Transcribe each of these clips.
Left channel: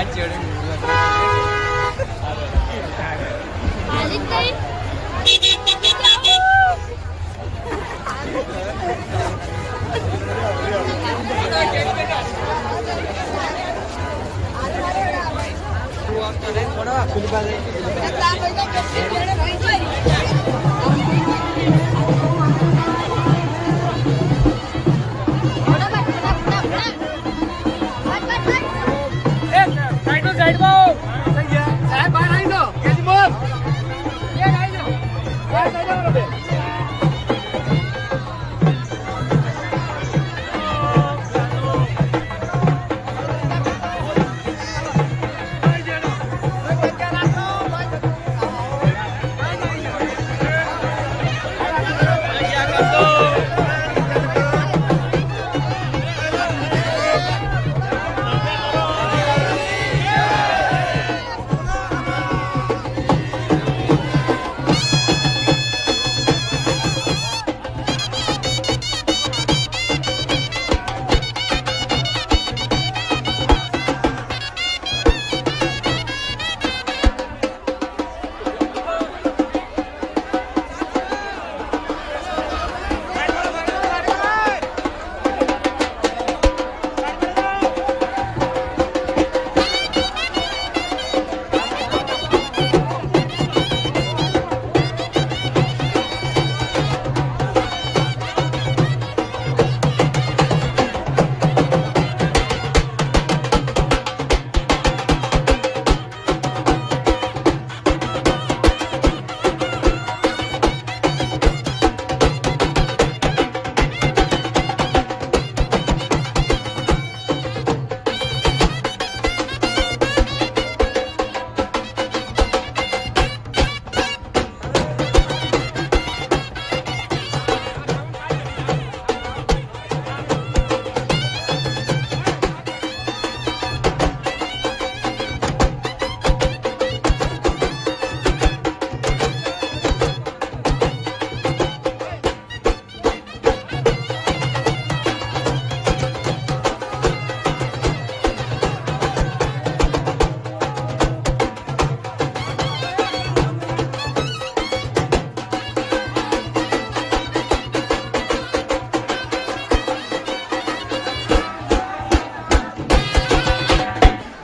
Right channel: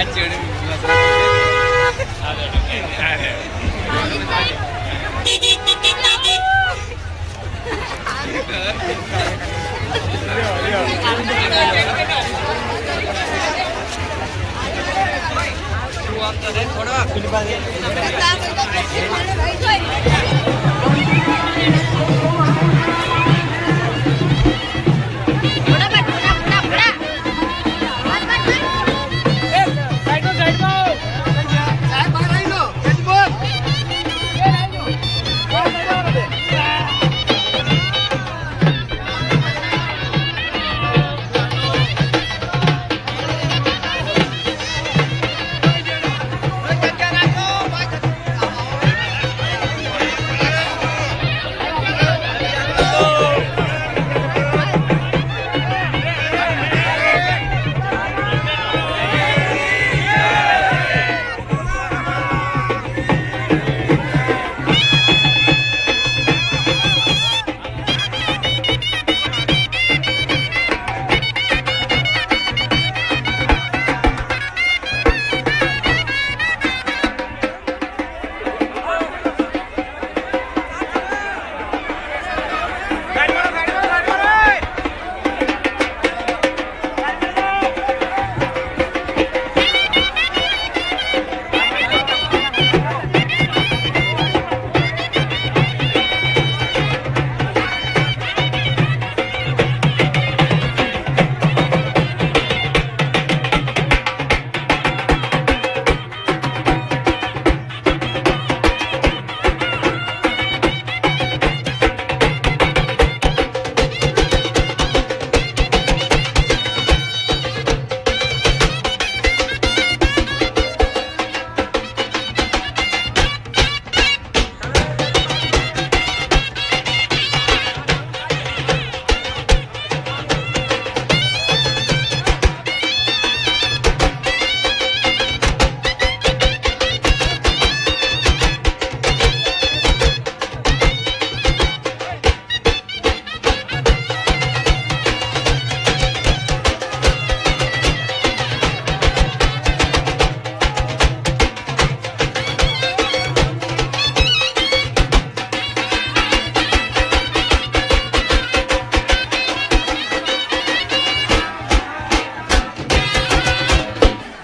అది చేయడం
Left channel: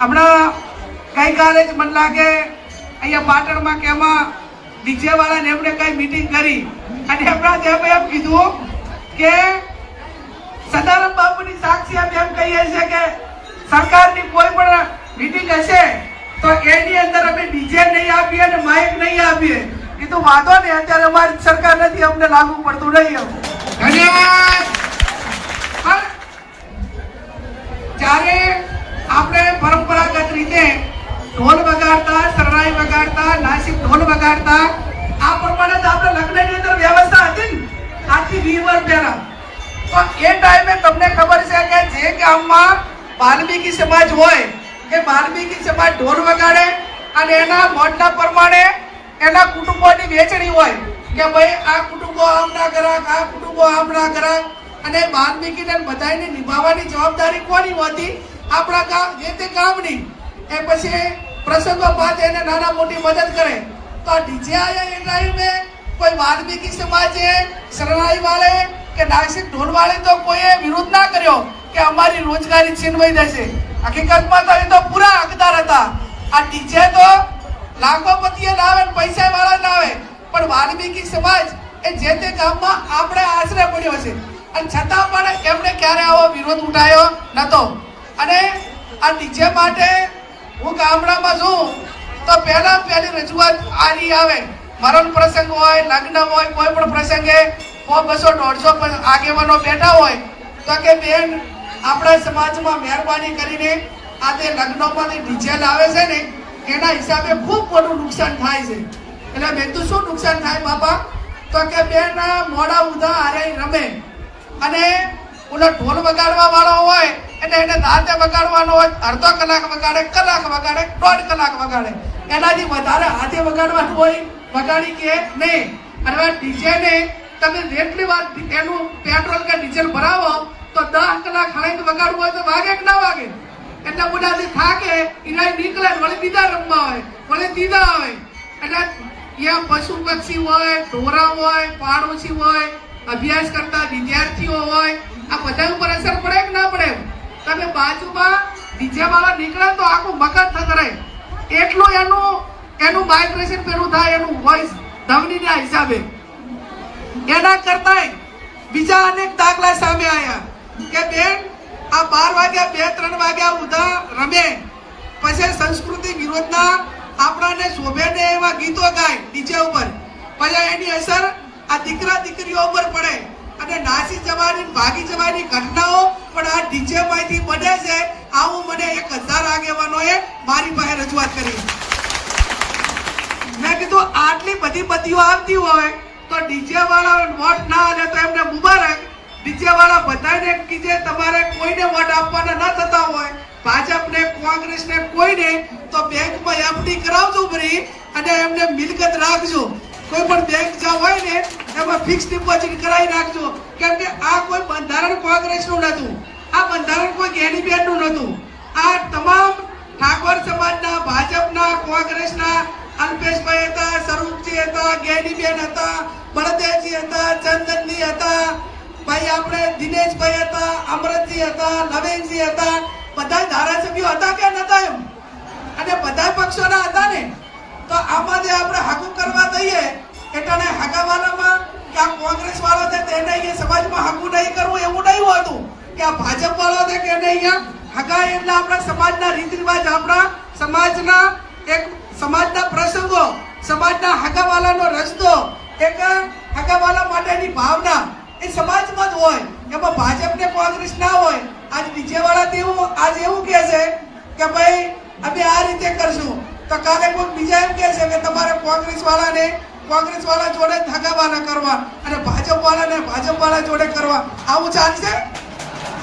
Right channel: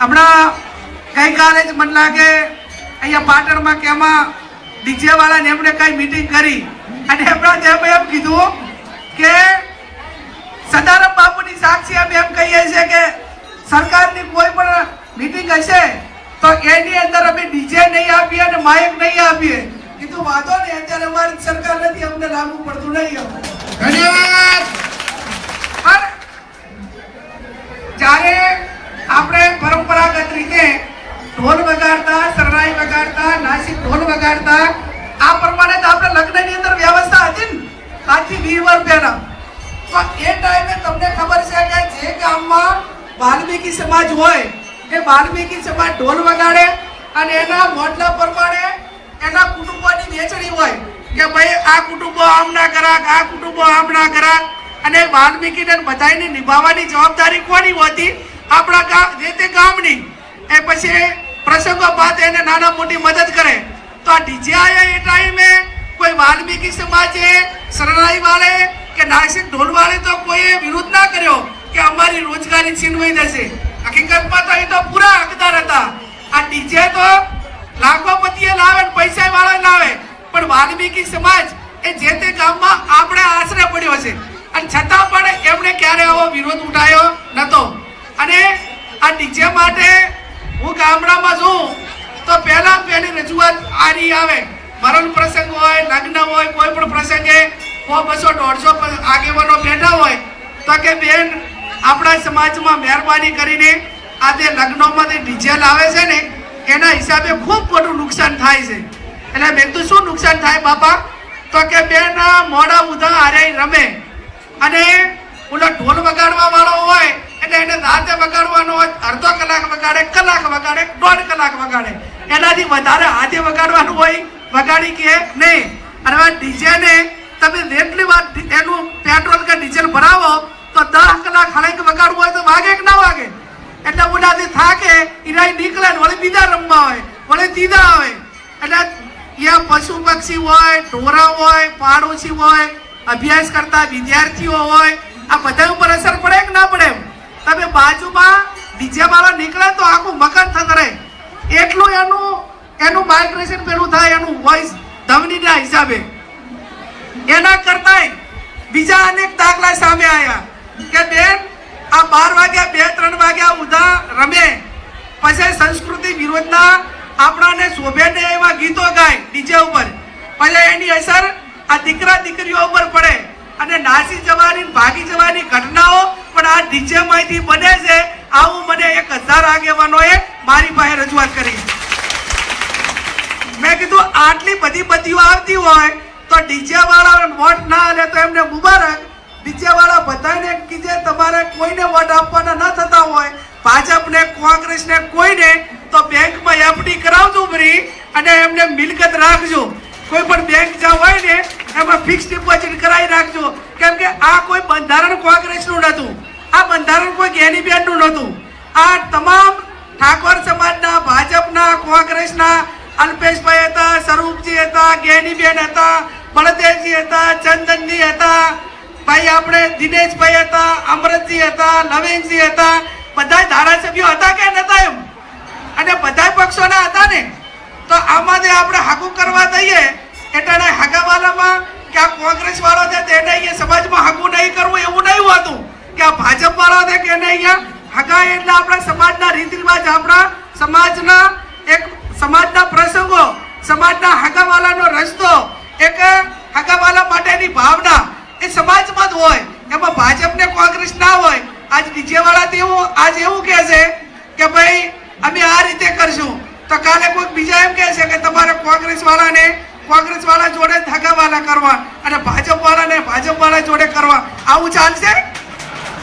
હમણાં ગઈકાલે જ મને લાગે અહીંયા પાટણમાં કે એમાં ડીજેવાળાને એમણે કઈ મિટિંગ કરી અને એમણે જેમ એમ કીધું કે સદારામ બાપુની સાક્ષી અમે એમ કહીએ છીએ કે સરકારની કોઈ પણ મિટિંગ હશે તો એની અંદર અમે ડીજે નહીં આપીએ અને માઇક નહીં આપીએ કીધું વાંધો નહીં અત્યારે અમારી સરકાર નથી અમને લાગુ પડતું નહીં ધન્યવાદ લીવર પેનમ તો એ ટાઈમે તમને ખબર છે કે જે ગામમાં વાલ્મીકી સમાજ હોય કે વાલ્મીકી સમાજ ઢોલ વગાડે અને એના મોઢના પ્રમાણે એના કુટુંબોની વેચણી હોય કે ભાઈ આ કુટુંબો આમ ના કરાક આ કુટુંબો આમ ના કરાક અને વાલ્મીકીને બધાને નિભાવવાની જવાબદારી કોની હોતી આપણા ગામ જે તે ગામની એ પછી પ્રસંગો બાદ એને નાના મોટી મદદ કરે તો આ ડીજે એ ટાઈમે કોઈ વાલ્મીકી સમાજે શરણાઈ વાળે કે નાસિક ઢોલ વાળે તો કોઈએ વિરોધ ના કર્યો કે અમારી રોજગારી છીનવાઈ જશે હકીકતમાં તો એ તો પૂરા હકદાર હતા આ ડીજે તો લાખોપતિએ લાવે ને પૈસા વાળા લાવે પણ વાલ્મીકી સમાજ એ જે તે ગામમાં આપણે આશરે પડ્યો છે અને છતાં પણ એમણે ક્યારે આવો વિરોધ ઉઠાયો નતો અને આ ડીજે માટે હું ગામડામાં છું તો પહેલા પહેલી રજૂઆત આ આની આવે મરણ પ્રસંગ હોય લગ્ન હોય કોઈ પણ પ્રસંગે સો બસો દોઢસો આગેવાનો બેઠા હોય તો કે બેન આપણા સમાજમાં મહેરબાની કરીને આ જે લગ્નોમાં જે ડીજે છે ને એના હિસાબે ખૂબ મોટું નુકસાન થાય છે એટલે બેન તો શું નુકસાન થાય બાપા તો કે બેન મોડા ઉધા હારે રમે અને ઓલો ઢોલ વગાડવા વાળો હોય એટલે એને રાતે વગાડવાનો હોય અડધો કલાક વગાડે કલાક વગાડે દોઢ કલાક વગાડે એનાથી વધારે હાથે વગાડવાનું હોય વગાડી કે નહીં અને આ ડીજેને તમે જેટલી વાર એનું પેટ્રોલ કે ડીઝલ ભરાવો તો દસ કલાક હળંગ વગાડવું હોય તો વાગે કે ના વાગે એટલે ઉડાથી થાકે ઈરાય નીકળે વળી બીજા રમવા હોય વળી ત્રીજા આવે એટલે ત્યાં પશુ પક્ષી હોય ઢોરા હોય પાડોશી હોય અભ્યાસ કરતા વિદ્યાર્થીઓ હોય આ બધા ઉપર અસર પડે કે ના પડે તમે બાજુમાં બીજા વાળા નીકળે તો આખું મગજ થતા રહે એટલું એનું એનું માઇગ્રેશન પેલું થાય એનું વોઇસ ધમનીના હિસાબે એના કરતાંય બીજા અનેક દાખલા સામે આવ્યા કે બેન આ બાર વાગ્યા બે ત્રણ વાગ્યા ઉધા રમે પછી સંસ્કૃતિ વિરોધના આપણાને શોભે ને એવા ગીતો ગાય ડીજે ઉપર પછી એની અસર આ દીકરા દીકરીઓ ઉપર પડે અને નાસી જવાની ભાગી જવાની ઘટનાઓ પણ આ ડીજે માંથી બને છે આવું મને એક હજાર આગેવાનોએ મારી પાસે રજૂઆત કરી મેં કીધું આટલી બધી બધીઓ આવતી હોય તો ડીજે વાળા વોટ ના આવે તો એમને મુબારક ડીજે વાળા બધાને કીજે તમારે કોઈને વોટ આપવાના ન થતા હોય ભાજપને કોંગ્રેસને કોઈને તો બેંકમાં એફડી કરાવજો ફરી અને એમને મિલકત રાખજો કોઈ પણ બેંક જ્યાં હોય ને એમાં ફિક્સ ડિપોઝિટ કરાવી રાખજો કેમ કે આ કોઈ બંધારણ કોંગ્રેસનું નહોતું આ બંધારણ કોઈ ગેની બેનનું નહોતું આ તમામ ઠાકોર સમાજના ભાજપના કોંગ્રેસના અલ્પેશભાઈ હતા સ્વરૂપજી હતા ગેડીબેન હતા બળદેવજી હતા ચંદનજી હતા ભાઈ આપણે દિનેશભાઈ હતા અમૃતજી હતા નવીનજી હતા બધા ધારાસભ્યો હતા કે નતા એમ અને બધા પક્ષોના હતા ને તો આમાંથી આપણે હાકુ કરવા જઈએ એટલે હાકાવાલામાં કે આ કોંગ્રેસ વાળો છે તેને અહીંયા સમાજમાં હાકુ નહીં કરવું એવું નહીં હતું કે આ ભાજપ વાળો છે કે એને અહીંયા હગા એટલે આપણા સમાજના રીતિ રિવાજ આપણા સમાજના એક સમાજના પ્રસંગો સમાજના હગાવાલાનો રસ્તો એક હગાવાલા માટેની ભાવના એ સમાજમાં જ હોય એમાં ભાજપને કોંગ્રેસ ના હોય આજ નીચેવાળા તેવું આજ એવું કહે છે કે ભાઈ અમે આ રીતે કરશું તો કાલે કોઈક બીજા એમ કહે છે કે તમારે કોંગ્રેસ વાળાને કોંગ્રેસ વાળા જોડે ધગાવાના કરવા અને ભાજપ વાળાને ભાજપ વાળા જોડે કરવા આવું ચાલશે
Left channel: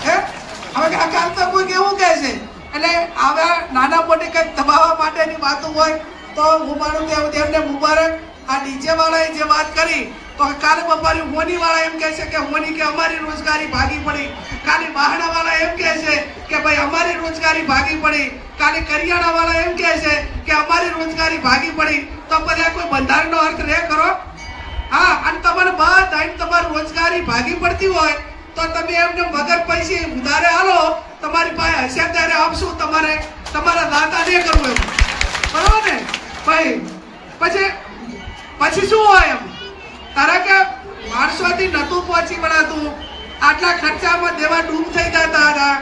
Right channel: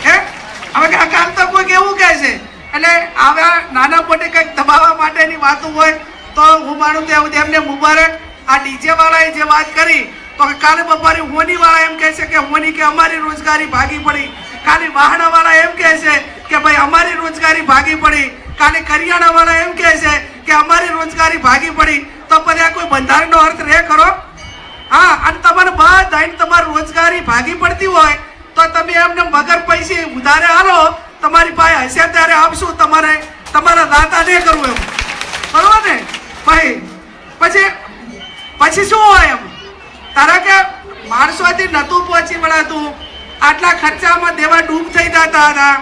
હે હવે આ કાલ તો કોઈક એવું કહે છે એટલે આવા નાના મોટી કંઈક દબાવવા માટેની વાતો હોય તો હું માનું ત્યાં તેમને મુબારક આ ડીજે વાળાએ જે વાત કરી તો કાલે બપોરે હોની વાળા એમ કહે છે કે હોની કે અમારી રોજગારી ભાગી પડી કાલે વાહણા વાળા એમ કહે છે કે ભાઈ અમારી રોજગારી ભાગી પડી કાલે કરિયાણા વાળા એમ કહે છે કે અમારી રોજગારી ભાગી પડી તો પછી આ કોઈ બંધારણનો અર્થ રે કરો હા અને તમારે બધા તમારી રોજગારી ભાગી પડતી હોય તો તમે એમને વગર પૈસી ઉધારે હાલો તમારી પાસે હશે ત્યારે આપશું તમારે તમારા દાતા નહીં કરવું એમ બરોબર ને ભાઈ પછી પછી શું હોય એમ તારા કે માણસોથી નતું પહોંચી વળાતું આટલા ખર્ચામાં દેવા ડૂબ થઈ જતા હતા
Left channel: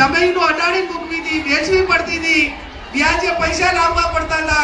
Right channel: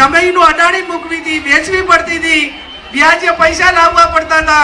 જમીનનું અડાણી મૂકવી હતી વેચવી પડતી હતી વ્યાજે પૈસા લાવવા પડતા હતા